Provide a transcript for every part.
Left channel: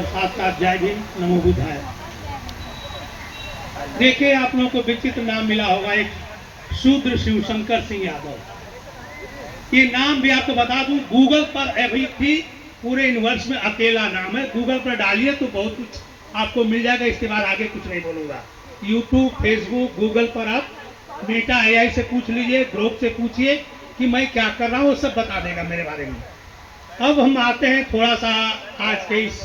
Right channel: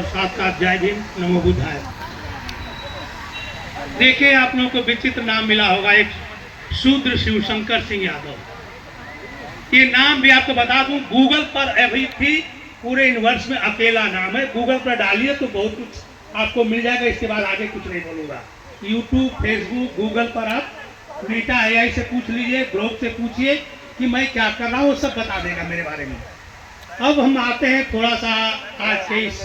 और साथ साथ जय भीम, नमो बुद्धाय। देखिए, आप लोगों को विचित्र नाम मिला होगा, एक शूद्र शिवशंकर सिंह यादव। ये नाम भी आपको बता दूं, गूगल पर अभी भी पूरे यूनिवर्स में अकेला नाम है। गूगल पर डालिए तो बहुत कुछ आपको मिल जाएगा। इसके बाद आगे कुछ नहीं बोलूंगा। यूट्यूब, फेसबुक, गूगल पर आप बीटा AI से पूछ लीजिए, ग्रोथ से पूछिए कि मैं क्या कर रहा हूँ, वो सब बता देगा मेरे बारे में। अब हम आते हैं थोड़ा सा आज के इस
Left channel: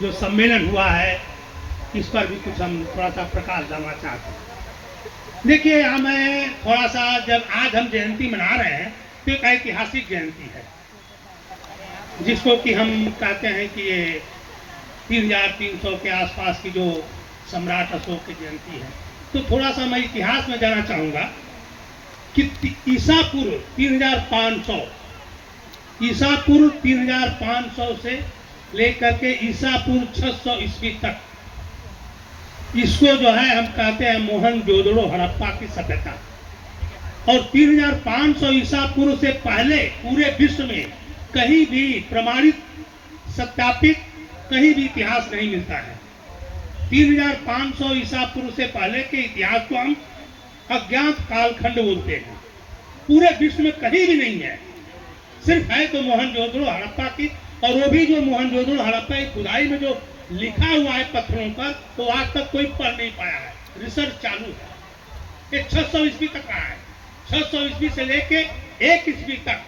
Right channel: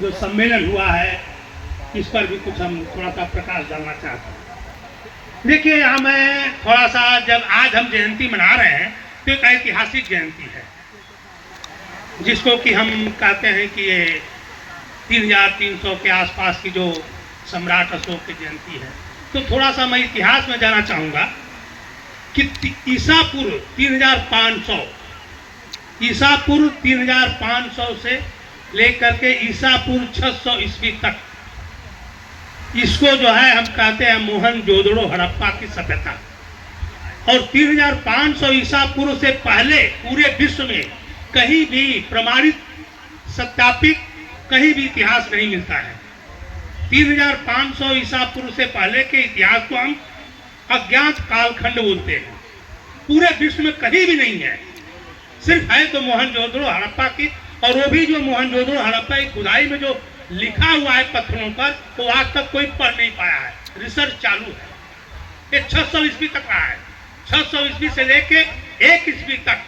जो सम्मेलन हुआ है, इस पर भी कुछ हम थोड़ा सा प्रकाश डालना चाहते हैं। देखिए, यहाँ मैं थोड़ा सा, जब आज हम जयंती मना रहे हैं तो एक ऐतिहासिक जयंती है, जिसको कि हम कहते हैं कि ये 3300 के आसपास की जो सम्राट अशोक की जयंती है। तो थोड़ा सा मैं इतिहास में जाना चाहूँगा कि ईसा पूर्व 3500 से लेकर के ईसा पूर्व 600 ईस्वी तक, इसको जो है हम कहते हैं मोहनजोदड़ो हड़प्पा की सभ्यता। और 3500 ईसा पूर्व से पहले पूरे विश्व में कहीं भी प्रमाणित, सत्यापित कहीं भी इतिहास नहीं मिलता है। 3500 ईसा पूर्व से पहले के इतिहास को हम अज्ञात कालखंड बोलते हैं। पूरे विश्व में कहीं भी नहीं है, सिर्फ है तो मोहनजोदड़ो हड़प्पा की। और वो भी जो मोहनजोदड़ो हड़प्पा की खुदाई में जो लिखा हुआ है पत्थरों पर, तो आज तक कोई पढ़ नहीं पाया है। रिसर्च चालू है। ये 600 ईस्वी तक रहा है। 600 ईस्वी से लेके 1 ईस्वी तक,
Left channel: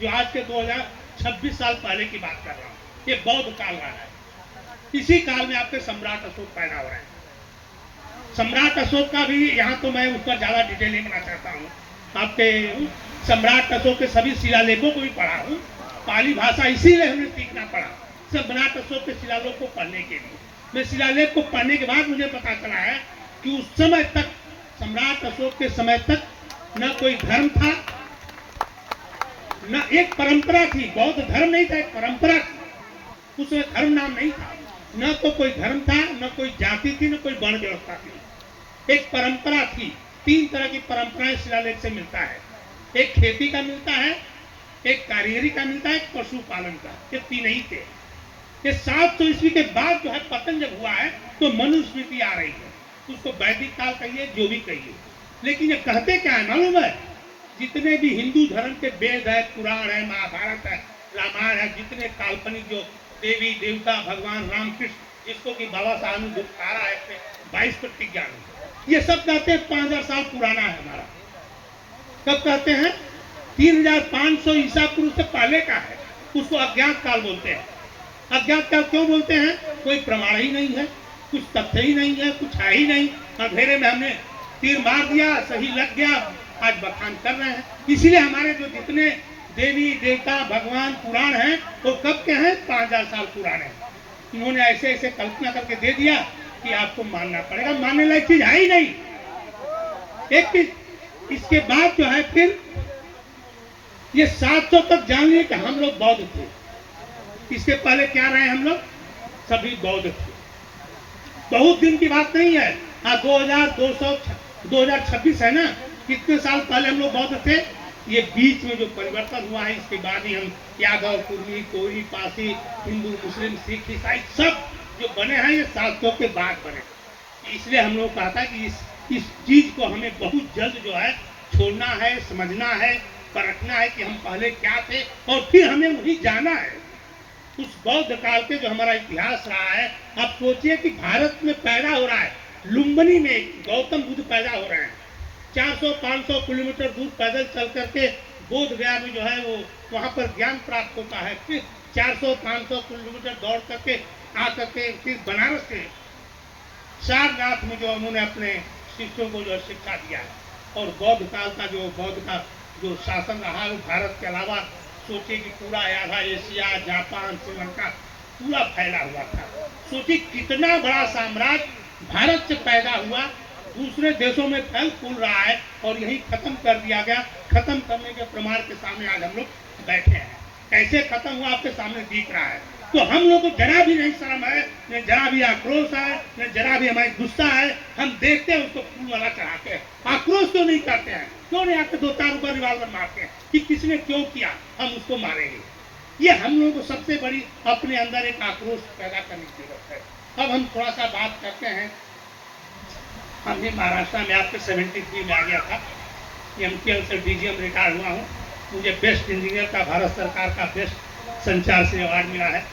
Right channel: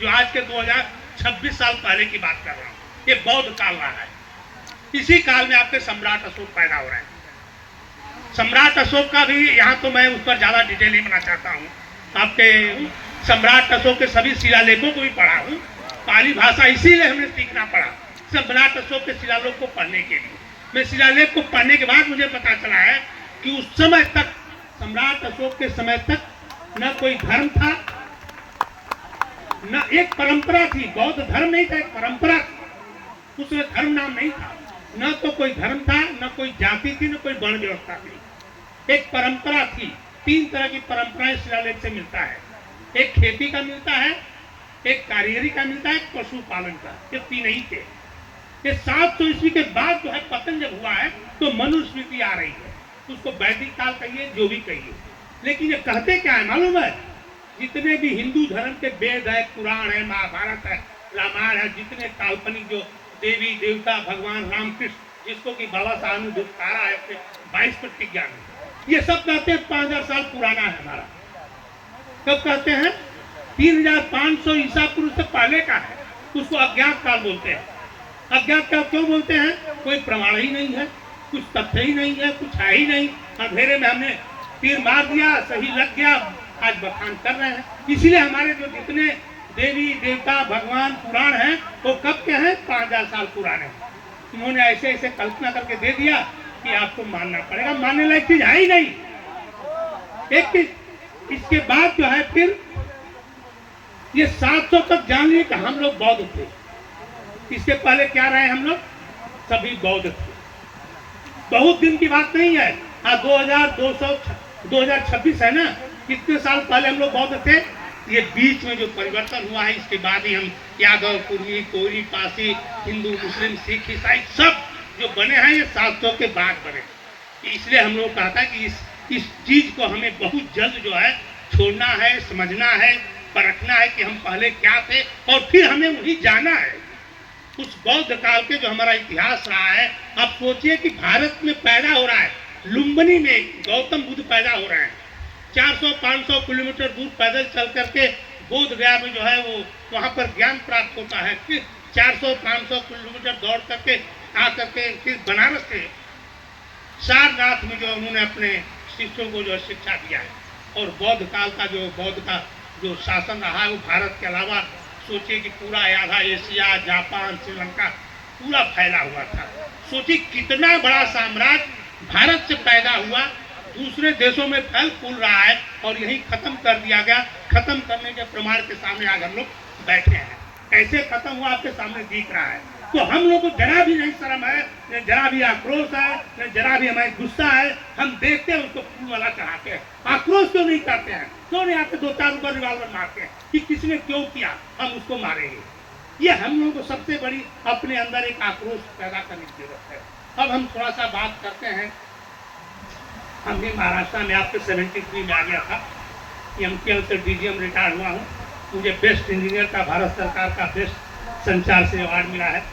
जो आज के 2026 साल पहले की बात कर रहा हूँ, ये बौद्ध काल रहा है। इसी काल में आपके सम्राट अशोक पैदा हो रहे हैं। सम्राट अशोक का भी यहाँ तो मैं उस पर ज्यादा डिटेल नहीं बनाना चाहता हूँ। आपके सम्राट अशोक के सभी शिलालेखों को भी पढ़ा हूँ। पाली भाषा इसीलिए हमें सीखना पड़ा, सम्राट अशोक के शिलालेख को पढ़ने के लिए। मैं शिलालेख को पढ़ने के बाद मुझे पता चला है कि उस समय तक, सम्राट अशोक के समय तक, न कोई धर्म था, न एक परंपरा थी। बौद्ध धर्म नहीं था, एक परंपरा थी। उसमें धर्म नाम नहीं था। न तो कोई धर्म था, न कोई जाति थी, न कोई वर्ण व्यवस्था थी। एक परंपरा थी। 3 तरह की परंपराएं शिलालेख से मिलता है। एक खेती का मिलता है, एक कारीगरी का मिलता है, एक पशुपालन का। ये 3 ही थे। ये 700 ईस्वी के बाद जो है पतन जब हुआ है, तो मनुस्मृति आ रही है। उसको वैदिक काल कहिए, जो भी कहिए। लेकिन ये कहते क्या है मालूम है? जितने भी हिंदू धर्म के वेद है, पुराण है, महाभारत है, रामायण है, जितने काल्पनिक जो देवी देवता, भगवान राम कृष्ण, जिसको कि बाबा साहब ने दुखारा है 22 प्रतिज्ञा में, ये सब कहते हैं 5000 साल पुराना है हमारा। कब कहते हैं? 3500 ईसा पूर्व से पहले का है। उसको अज्ञात काल बोलते हैं। अज्ञात काल क्यों बोलते हैं? कोई प्रमाण ही नहीं है, कुछ तथ्य ही नहीं है, कुछ है ही नहीं। अंधेरे में हमने तीर मार दिया, सही लग गया, आज बखान कर रहे हैं। इसलिए हमारे जो जितने देवी देवता, भगवान, पुराण हैं, वो कब के हैं? 5000 साल पुराने हैं। इन्होंने ऐसे ऐसे कल्पना करके दे दिया कि आपको मानना पड़ेगा। मानने लायक चीज है ही नहीं। एक चीज, इसके बाद जो है फिर ये 700 तक जान लिए कि हम लोग बौद्ध थे। इसके पहले क्या रहे हम लोग? सभी बौद्ध थे। बहुत दिन की बात नहीं है। हाँ, 2026 है ना, कितने साल पहले हम लोग बौद्ध थे। ये बीच में जो परिवर्तन हुआ है, इसके बाद ही हम यादव, कुर्मी, कोई, पासी, हिंदू, मुस्लिम, सिख, ईसाई सब जो बने हैं, ये 700 के बाद बने। इसलिए हम लोग कहता है कि इस चीज को हमें बहुत जल्द जो है छोड़ना है, समझना है, परखना है कि हम पहले क्या थे, और फिर हमें वही जाना है। उस बौद्ध काल के जो हमारा इतिहास रहा है। आप सोचिए कि भारत में पैदा हो रहा है, लुम्बिनी में गौतम बुद्ध पैदा हो रहे हैं। 400-500 किलोमीटर दूर पैदल चल करके बोध गया में जो है वो वहाँ पर ज्ञान प्राप्त होता है। फिर 400-500 किलोमीटर दौड़ करके आ करके फिर बनारस के सारनाथ में जो उन्होंने अपने शिष्यों को जो शिक्षा दिया है। और बौद्ध काल का जो शासन रहा है, वो भारत के अलावा सोचिए कि पूरा आधा एशिया, जापान, श्रीलंका पूरा फैला हुआ था। सोचिए कितना बड़ा साम्राज्य भारत से पैदा हुआ, दूसरे देशों में फल फूल रहा है, और यही खत्म कर दिया गया। खत्म करने के प्रमाण के सामने आज हम लोग बैठे हैं। कैसे खत्म हुआ आपके सामने दिख रहा है। तो हम लोग को जरा भी नहीं शर्म है, न जरा भी आक्रोश है, न जरा भी हमारी गुस्सा है। हम देखते हैं उसको फूल वाला चढ़ाते हैं। आक्रोश क्यों नहीं करते हैं? क्यों नहीं आते 2-4 रुपये रिवाल्वर मारते हैं कि किसने क्यों किया, हम उसको मारेंगे। ये हम लोगों को सबसे बड़ी अपने अंदर एक आक्रोश पैदा करने की जरूरत है। अब हम थोड़ा सा बात करते हैं। हम भी महाराष्ट्र में आपके 73 में आ गया था। MTL से DGM रिटायर हुआ हूँ। मुझे बेस्ट इंजीनियर का भारत सरकार का बेस्ट संचार से अवार्ड मिला है।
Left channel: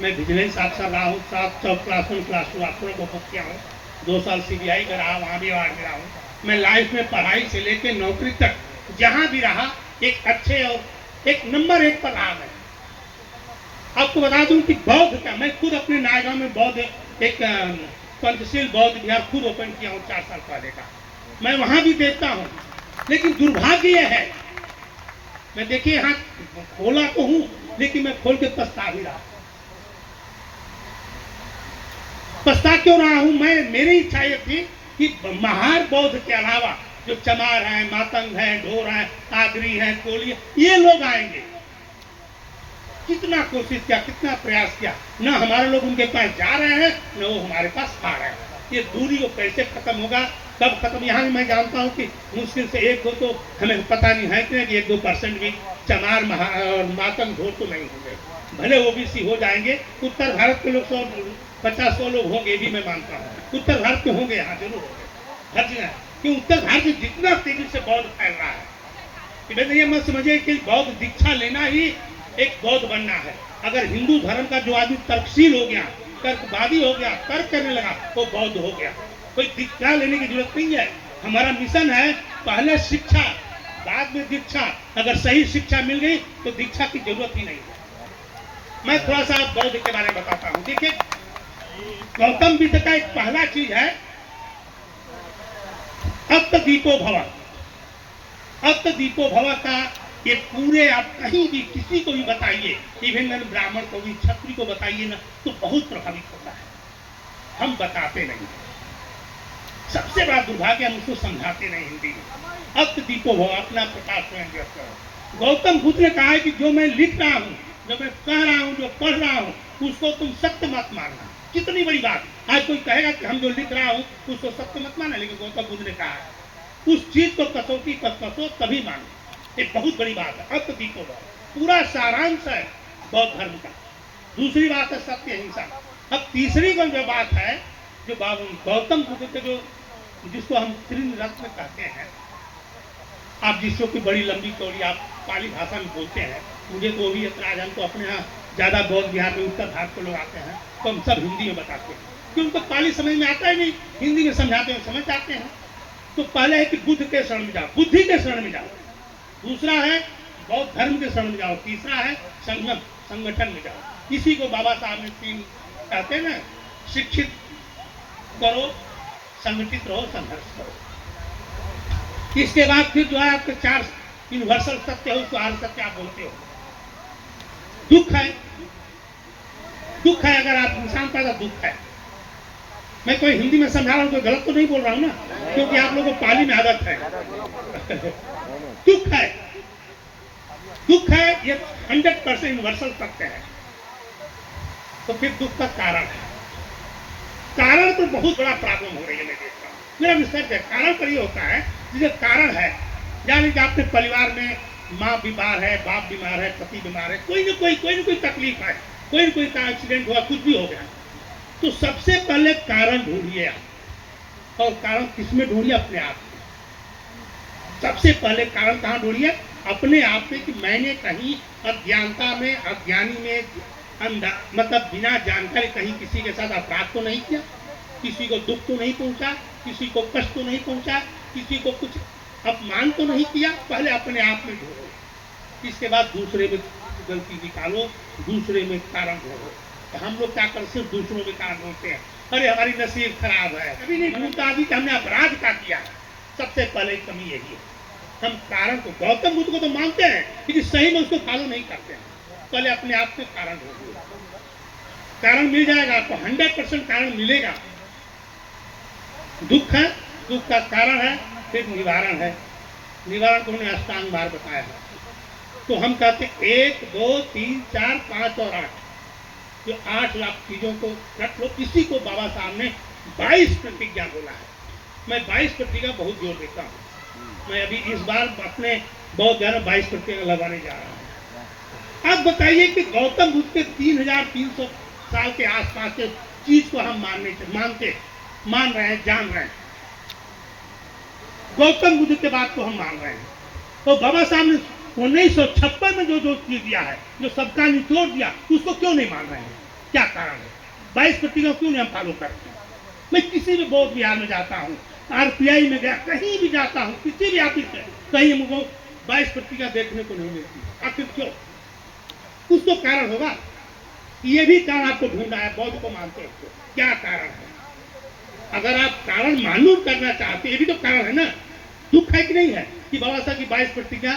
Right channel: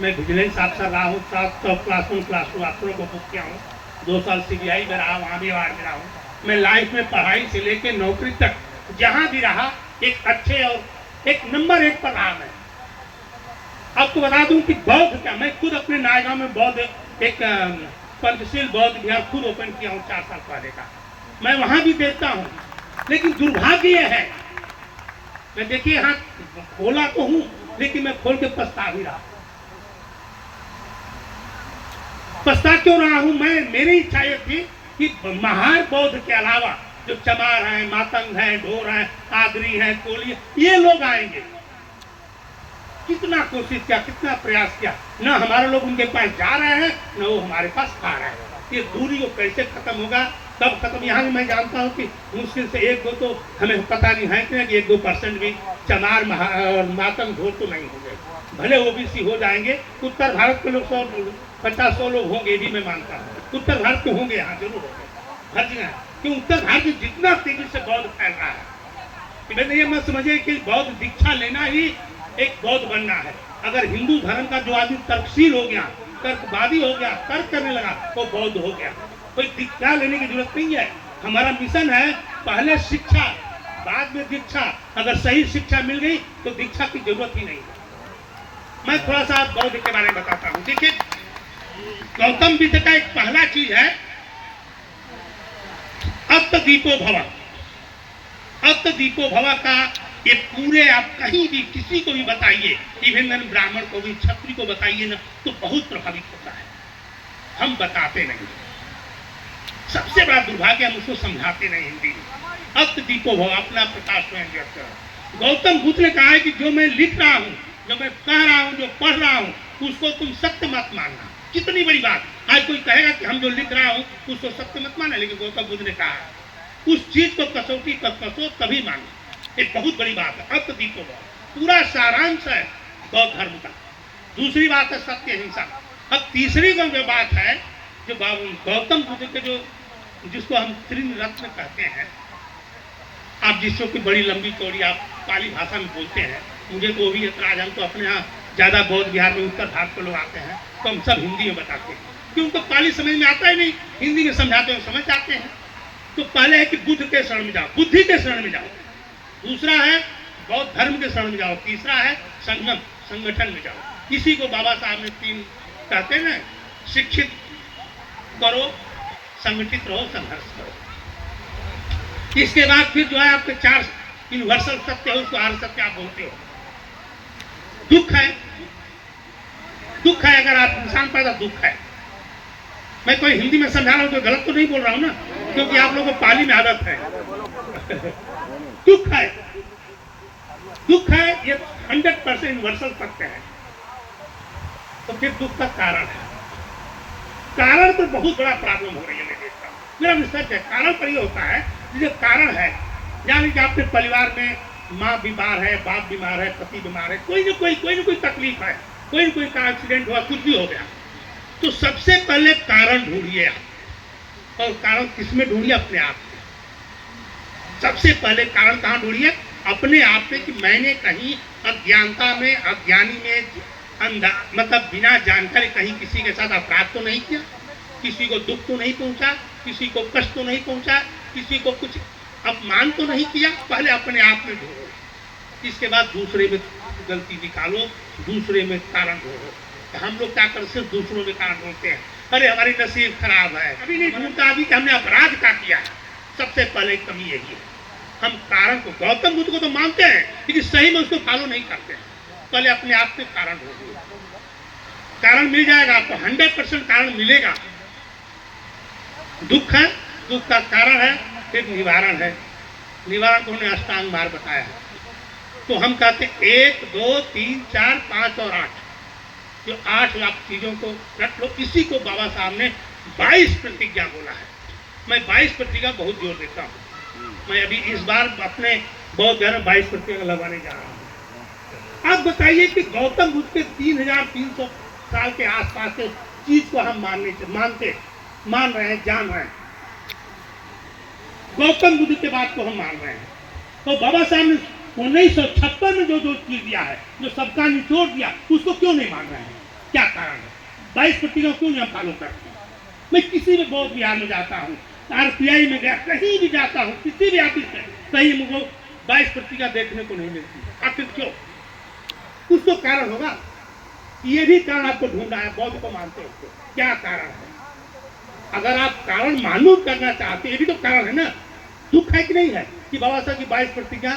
मैं विजिलेंस अफसर रहा हूँ, 700 क्लास 1 क्लास 2 अफसरों को बुक किया हूँ। 2 साल CBI में रहा, वहाँ भी अवार्ड मिला हूँ। मैं लाइफ में पढ़ाई से लेकर नौकरी तक जहाँ भी रहा एक अच्छे और एक नंबर 1 पर रहा। मैं आपको बता दूं कि बौद्ध का, मैं खुद अपने नायगांव में बौद्ध एक पंचशील बौद्ध विहार खुद ओपन किया हूँ 4 साल पहले का। मैं वहां भी देखता हूँ, लेकिन दुर्भाग्य यह है, मैं देखिए यहाँ खोला तो हूँ, लेकिन मैं खोल के पछता भी रहा। पछता क्यों रहा हूँ मैं? मेरी इच्छा ये थी कि महार बौद्ध के अलावा जो चमार है, मातंग है, ढोर है, आगरी है, कोली है, ये लोग आएंगे। कितना कोशिश किया, कितना प्रयास किया, न हमारे लोग उनके पास जा रहे हैं, न वो हमारे पास आ रहे हैं। ये दूरी को कैसे खत्म होगा, कब खत्म? यहाँ मैं जानता हूँ कि मुश्किल से 1-2 तो हमें पता नहीं है कि 1-2% भी चमार और मातंग ढोर तो नहीं होंगे। भले OBC हो जाएंगे, उत्तर भारत के लोग 150-100 लोग होंगे, भी मैं मानता हूँ। उत्तर भारत के होंगे, यहाँ जरूर होंगे, हर जगह। कि उत्तर भारत में जितना तेजी से बौद्ध फैल रहा है, ये मत समझिए कि बौद्ध दीक्षा लेना ही एक बौद्ध बनना है। अगर हिंदू धर्म का जो आदमी तर्कशील हो गया, तर्कवादी हो गया, तर्क करने लगा, वो बौद्ध हो गया। कोई दीक्षा लेने की जरूरत नहीं है। हमारा मिशन है पहले शिक्षा, बाद में दीक्षा। अगर सही शिक्षा मिल गई तो दीक्षा की जरूरत ही नहीं है। मैं थोड़ा सा बौद्ध के बारे में बताता हूँ। देखिए, गौतम बुद्ध का एक पहला चीज है अत्त दीपो भव। अत्त दीपो भव का ये पूरे आप कहीं भी किसी को भी बताइए, इवन ब्राह्मण को भी, क्षत्रिय को बताइए ना, तो बहुत प्रभावित होता है। हम बताते नहीं, सबसे बड़ा दुर्भाग्य, हम उसको समझाते नहीं हिंदी में। अत्त दीपो भव, अपना प्रकाश स्वयं व्यक्त करो। गौतम बुद्ध ने कहा है कि जो मैं लिख रहा हूँ, जो मैं कह रहा हूँ, जो पढ़ रहा हूँ, उसको तुम सत्य मत मानना। कितनी बड़ी बात। आज कोई कहेगा कि हम जो लिख रहा हूँ उसको सत्य मत माना, लेकिन गौतम बुद्ध ने कहा उस चीज को कसौटी पर कसो तभी मानो। एक बहुत बड़ी बात है। अत्त दीपो भव पूरा सारांश है बौद्ध धर्म का। दूसरी बात है सत्य अहिंसा। अब तीसरी जो बात है, जो गौतम बुद्ध के जो जिसको हम त्रिन रत्न कहते हैं, आप जिसको की बड़ी लंबी चौड़ी आप पाली भाषा में बोलते हैं, मुझे तो वो भी ऐतराज। हम तो अपने यहाँ ज्यादा बौद्ध बिहार में उत्तर भारत के लोग आते हैं, तो हम सब हिंदी में बताते हैं, क्योंकि उनको पाली समझ में आता है नहीं। हिंदी में समझाते हैं, समझ जाते हैं। तो पहले है कि बुद्ध के शरण में जाओ, बुद्धि के शरण में जाओ। दूसरा है बौद्ध धर्म के शरण में जाओ। तीसरा है संगम, संगठन में जाओ। इसी को बाबा साहब ने 3 कहते हैं ना, शिक्षित करो, संगठित रहो, संघर्ष करो। इसके बाद फिर जो है आपके 4 यूनिवर्सल सत्य है, उसको आर्य सत्य आप बोलते हो। दुख है, दुख है। अगर आप इंसान पैदा, दुख है। मैं कोई हिंदी में समझा रहा हूँ तो गलत तो नहीं बोल रहा हूँ ना, क्योंकि आप लोगों को पाली में आदत है। दुख है, दुख है, ये 100% यूनिवर्सल सत्य है। तो फिर दुख का कारण है। कारण तो बहुत बड़ा प्रॉब्लम हो रही है, मैं देखता हूँ। मेरा रिसर्च है, कारण पर ये होता है। जो कारण है, यानी कि आपके परिवार में माँ बीमार है, बाप बीमार है, पति बीमार है, कोई ना कोई तकलीफ है, कोई ना कोई का एक्सीडेंट हुआ, कुछ भी हो गया, तो सबसे पहले कारण ढूंढिए आप। और कारण किसमें ढूंढिए? अपने आप में। सबसे पहले कारण कहाँ ढूंढिए? अपने आप में, कि मैंने कहीं अज्ञानता में, अज्ञानी में, मतलब बिना जानकारी कहीं किसी के साथ अपराध तो नहीं किया, किसी को दुख तो नहीं पहुंचा, किसी को कष्ट तो नहीं पहुंचा, किसी को कुछ अपमान तो नहीं किया। पहले अपने आप में ढूंढो, इसके बाद दूसरे में गलती निकालो, दूसरे में कारण ढूंढो। हम लोग क्या करते, सिर्फ दूसरों में कारण ढूंढते हैं। अरे हमारी नसीब खराब है, कभी नहीं ढूंढता अभी कि हमने अपराध क्या किया। सबसे पहले कमी यही है, हम कारण को, गौतम बुद्ध को तो मानते हैं, लेकिन सही में उसको फॉलो नहीं करते हैं। पहले अपने आप में कारण ढूंढिए, कारण मिल जाएगा आपको, 100% कारण मिलेगा। दुख है, दुख का कारण है, फिर निवारण है। निवारण को उन्होंने अष्टांग मार्ग बताया है। तो हम कहते हैं 1, 2, 3, 4, 5 और 8, जो 8 लाख चीजों को रख लो। इसी को बाबा साहब ने 22 प्रतिज्ञा बोला है। मैं 22 प्रतिज्ञा बहुत जोर देता हूँ। मैं अभी इस बार अपने बौद्ध धर्म 22 प्रतिज्ञा लगाने जा रहा हूँ। आप बताइए कि गौतम बुद्ध के 3300 साल के आसपास के चीज को हम मान रहे हैं, जान रहे हैं। गौतम बुद्ध के बात को हम मान रहे हैं, तो बाबा साहब ने 1956 में जो चीज दिया है, जो सबका निचोड़ दिया, उसको क्यों नहीं मान रहे हैं? क्या कारण है? 22 प्रतिज्ञा क्यों नहीं हम फॉलो करते? मैं किसी भी बौद्ध विहार में जाता हूँ, RPI में गया, कहीं भी जाता हूँ, किसी भी ऑफिस में, कहीं मुझको 22 प्रतिज्ञा देखने को नहीं मिलती। आखिर क्यों? कुछ तो कारण होगा। ये भी कारण आपको ढूंढा है, बौद्ध को मानते हो तो क्या कारण है? अगर आप कारण मालूम करना चाहते, ये भी तो कारण है ना। दुख है कि नहीं है कि बाबा साहब की 22 प्रतिज्ञा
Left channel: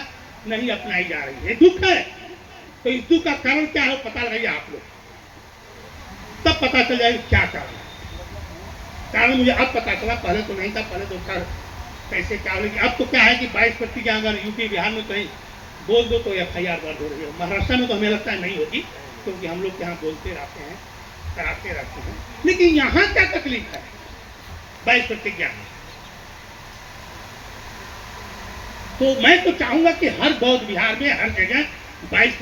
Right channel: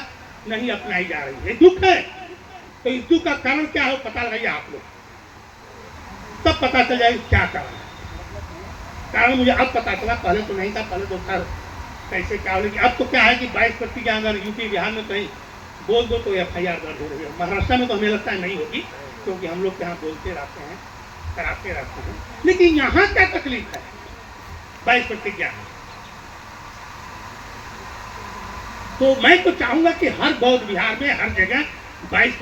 नहीं अपनाई जा रही है? दुख है। तो इस दुख का कारण क्या हो, पता लगाइए आप लोग, तब पता चल जाएगा क्या कारण है। कारण मुझे अब पता चला, पहले तो नहीं था, पहले तो था कैसे क्या हो। लेकिन अब तो क्या है कि 22 प्रतिज्ञा अगर यूपी बिहार में कहीं बोल दो तो FIR दर्ज हो रही है। महाराष्ट्र में तो हमें लगता है नहीं होगी, क्योंकि हम लोग यहाँ बोलते रहते हैं, कराते रहते हैं। लेकिन यहाँ क्या तकलीफ है 22 प्रतिज्ञा में? तो मैं तो चाहूंगा कि हर बौद्ध विहार में हर जगह 22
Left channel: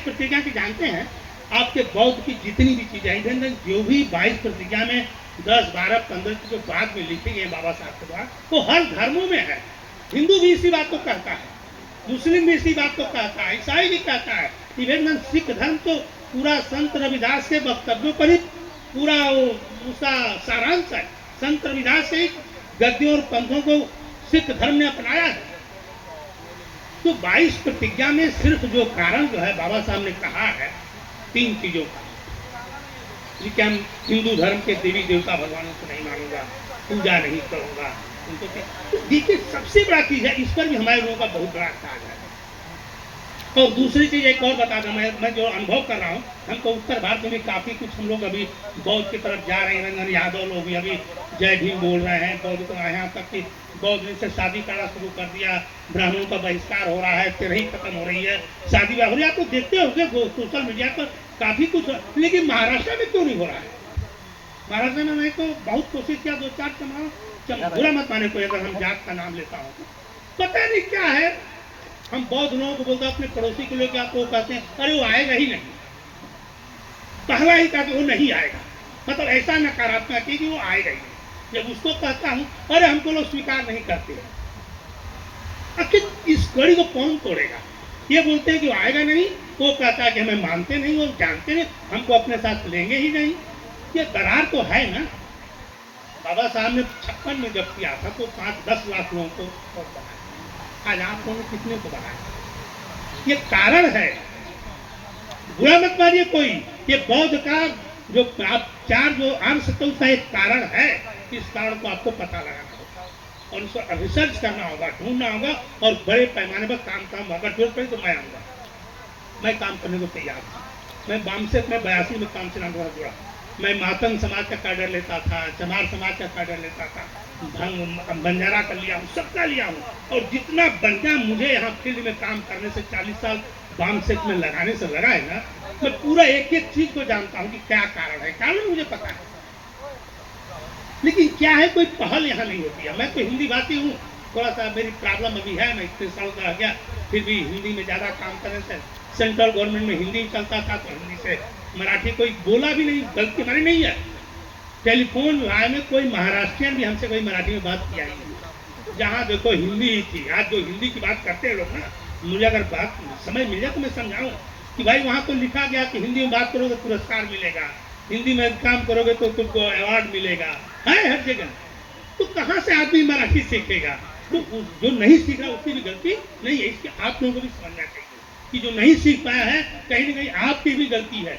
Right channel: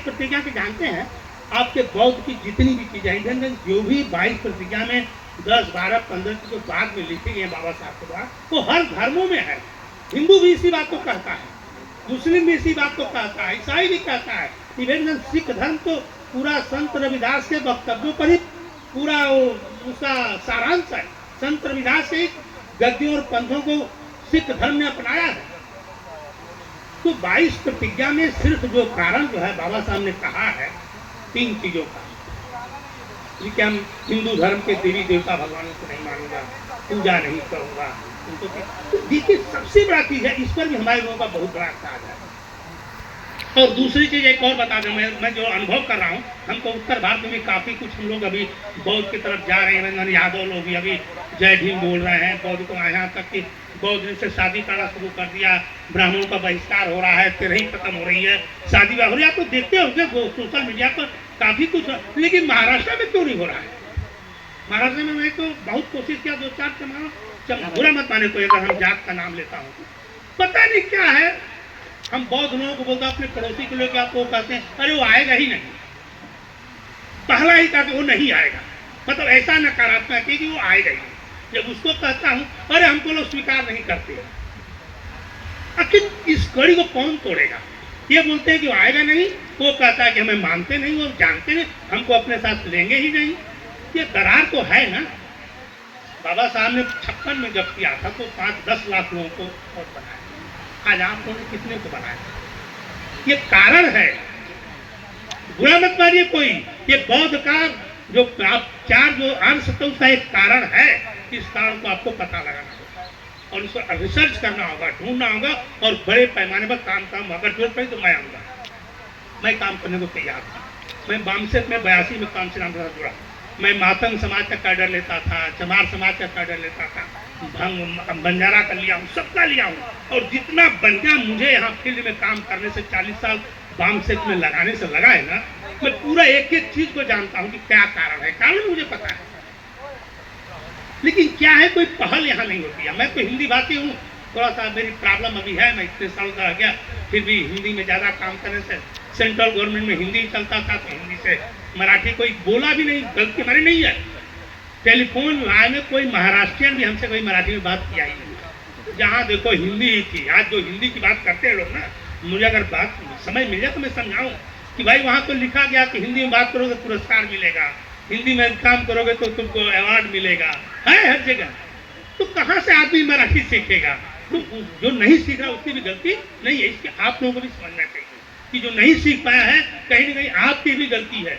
प्रतिज्ञा की जानते हैं आपके बौद्ध की जितनी भी चीजें, जो भी 22 प्रतिज्ञा में 10, 12, 15 की जो बाद में लिखी गई है बाबा साहब के द्वारा, वो हर धर्मों में है। हिंदू भी इसी बात को कहता है, मुस्लिम भी इसी बात को कहता है, ईसाई भी कहता है। इवन सिख धर्म तो पूरा संत रविदास के वक्तव्यों पर ही पूरा उसका सारांश है। संत रविदास से गद्यों और पंथों को सिख धर्म ने अपनाया है। तो 22 प्रतिज्ञा में सिर्फ जो कारण जो है बाबा साहब ने कहा है 3 चीजों का, कि हम हिंदू धर्म के देवी देवता भगवानों को नहीं मानूंगा, पूजा नहीं करूंगा उनको। तो देखिए सबसे बड़ा चीज है, इस पर भी हमारे लोगों का बहुत बड़ा साज है। और दूसरी चीज एक और बता दूं, मैं जो अनुभव कर रहा हूँ, हमको उत्तर भारत में भी काफी कुछ हम लोग अभी बौद्ध की तरफ जा रहे हैं। रंजन यादव लोग भी अभी जय भीम बोल रहे हैं बौद्ध को, यहाँ तक कि बौद्ध से शादी करना शुरू कर दिया, ब्राह्मणों का बहिष्कार हो रहा है, तिरही खत्म हो रही है, शादी ब्याह हो रही है। तो देखते हो सोशल मीडिया पर काफी कुछ, लेकिन महाराष्ट्र में क्यों नहीं हो रहा है? महाराष्ट्र में मैं तो बहुत कोशिश किया, 2-4 जमाना, बुरा मत माने कोई अगर हम जात का नाम लेता हूँ, पता नहीं क्या है। हम बौद्ध लोगों को बोलते हैं, अपने पड़ोसी को लेकर आपको कहते हैं अरे वो आएगा ही नहीं, पहला ही कहा कि वो नहीं आएगा, मतलब ऐसा नकारात्मक है कि वो आएगा ही नहीं। जब उसको कहता हूं अरे हमको लोग स्वीकार नहीं करते, आखिर इस कड़ी को कौन तोड़ेगा? ये बोलते हैं कि वो आएगा नहीं, वो कहता है कि हमें मानते नहीं, वो जानते नहीं, हमको अपने साथ लेंगे ही नहीं। ये दरार तो है ना। बाबा साहब ने 56 में जब किया था तो 5-10 लाख लोगों को वोट बनाया, आज आप लोगों ने कितने को बनाया? ये कारण है, बुरा मत मानिए कोई। ये बौद्ध का जो आप 4 जो अंश तो उसका एक कारण है। इस कारण को आपको पता लगाना होगा और उसको रिसर्च करना होगा, ढूंढना होगा और बड़े पैमाने पर काम अगर जरूरत पड़ी तो मैं आऊँगा, मैं काम करने को तैयार हूँ। मैं बामसेट में 82 में काम से नाम के साथ जुड़ा। मैं मातंग समाज का कैडर लेता था, चमार समाज का कैडर लेता था, बंजारा का लिया हूँ, सबका लिया हूँ। और जितना बंजा मुझे यहाँ फील्ड में काम करने से 40 साल बामसेट में लगाने से लगा है ना, मैं पूरा एक एक चीज को जानता हूँ कि क्या कारण है। कारण मुझे पता है, लेकिन क्या है कोई पहल यहाँ नहीं होती है। मैं तो हिंदी भाषी हूँ, थोड़ा सा मेरी प्रॉब्लम अभी है, मैं इतने साल का रह गया, फिर भी हिंदी में ज़्यादा काम करने से सेंट्रल गवर्नमेंट में हिंदी चलता था तो हिंदी से मराठी कोई बोला भी नहीं, गलती हमारी नहीं है। टेलीफोन लाइन में कोई महाराष्ट्रियन भी हमसे कोई मराठी में बात किया ही नहीं, जहाँ देखो हिंदी ही थी। आज जो हिंदी की बात करते हैं लोग ना, मुझे अगर बात समय मिल जाए तो मैं समझाऊँ कि भाई वहाँ तो लिखा गया कि हिंदी में बात करोगे तो पुरस्कार मिलेगा, हिंदी में काम करोगे तो तुमको अवार्ड मिलेगा, है हर जगह। तो कहाँ से आदमी मराठी सीखेगा? तो जो नहीं सीख रहा उसकी भी गलती नहीं है, इसकी आप लोगों को भी समझना चाहिए कि जो नहीं सीख पाया है कहीं ना कहीं आपकी भी गलती है।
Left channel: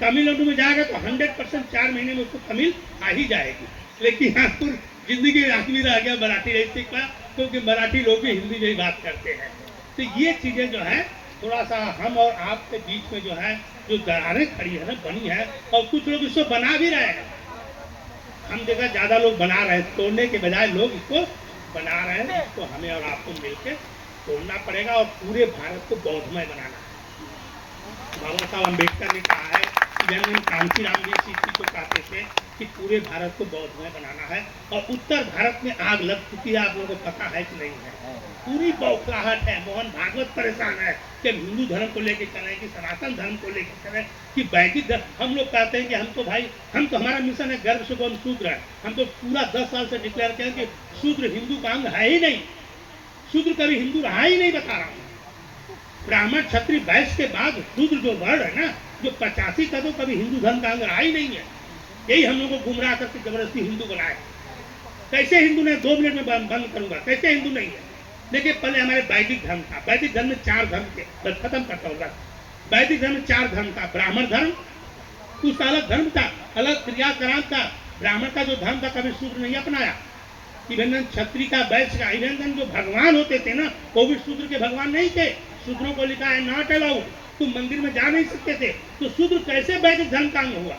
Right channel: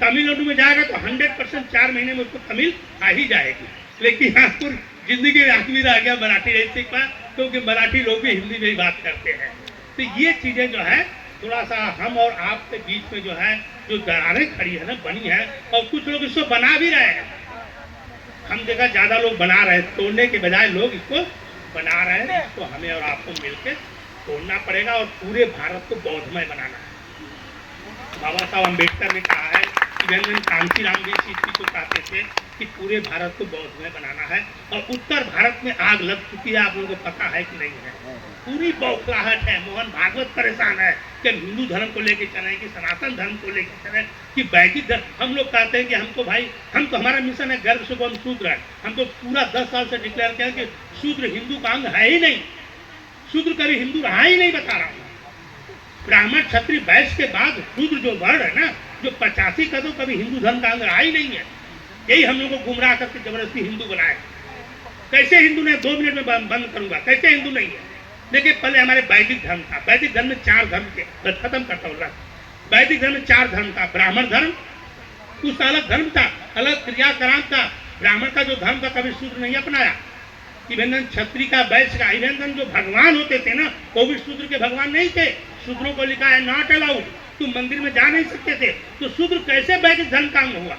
तमिलनाडु में जाएगा तो 100% 4 महीने में उसको तमिल आ ही जाएगी, लेकिन यहाँ पर जिंदगी में आदमी रह गया मराठी नहीं सीख पाया, क्योंकि मराठी लोग भी हिंदी में ही बात करते हैं। तो ये चीजें जो है थोड़ा सा हम और आपके बीच में जो है जो दरारें खड़ी है ना, बनी है, और कुछ लोग इसको बना भी रहे हैं। हम देखा ज्यादा लोग बना रहे हैं, तोड़ने के बजाय लोग इसको बना रहे हैं। इसको हमें और आपको मिलकर तोड़ना पड़ेगा और पूरे भारत को बौद्धमय बनाना है। बाबा साहब अम्बेडकर ने कहा है, जन कांशीराम जी इस चीज को कहते थे कि पूरे भारत को बौद्धमय बनाना है, और उत्तर भारत में आग लग चुकी है, आप लोगों को पता है कि नहीं है? पूरी बौखलाहट है। मोहन भागवत परेशान है कि हिंदू धर्म को लेके चले, कि सनातन धर्म को लेके चले, कि वैदिक धर्म। हम लोग कहते हैं कि हमको भाई, हम तो, हमारा मिशन है गर्व से हम शूद्र है। हम तो पूरा 10 साल से डिक्लेयर किया कि शूद्र हिंदू का अंग है ही नहीं, शूद्र कभी हिंदू रहा ही नहीं, बता रहा हूँ। ब्राह्मण क्षत्रिय वैश्य के बाद शूद्र जो वर्ण है ना, जो 85 का, तो कभी हिंदू धर्म का अंग रहा ही नहीं है। यही हम लोग को गुमराह करके जबरदस्ती हिंदू बनाए। कैसे हिंदू नहीं? 2 मिनट में बंद करूंगा। कैसे हिंदू नहीं है? देखिए, पहले हमारे वैदिक धर्म था। वैदिक धर्म में 4 धर्म थे, बस खत्म करता हूँ। वैदिक धर्म में 4 धर्म था। ब्राह्मण धर्म उस अलग धर्म था, अलग क्रियाक्रम था। ब्राह्मण का जो धर्म था कभी शूद्र नहीं अपनाया। इवन क्षत्रिय का, वैश्य का, इवन जो भगवान होते थे ना, वो भी शूद्र के भगवान नहीं थे। शूद्रों को लिखा है नॉट अलाउड, तुम मंदिर में जा नहीं सकते थे। तो शूद्र कैसे वैदिक धर्म का अंग हुआ?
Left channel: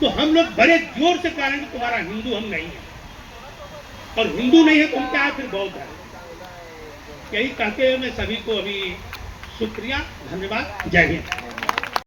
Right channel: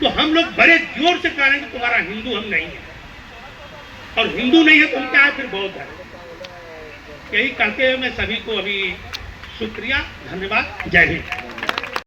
तो हम लोग बड़े जोर से कह रहे हैं कि तुम्हारा हिंदू हम नहीं है, और हिंदू नहीं है तो हम क्या है? फिर बौद्ध है। यही कहते हुए मैं सभी को अभी शुक्रिया, धन्यवाद, जय हिंद।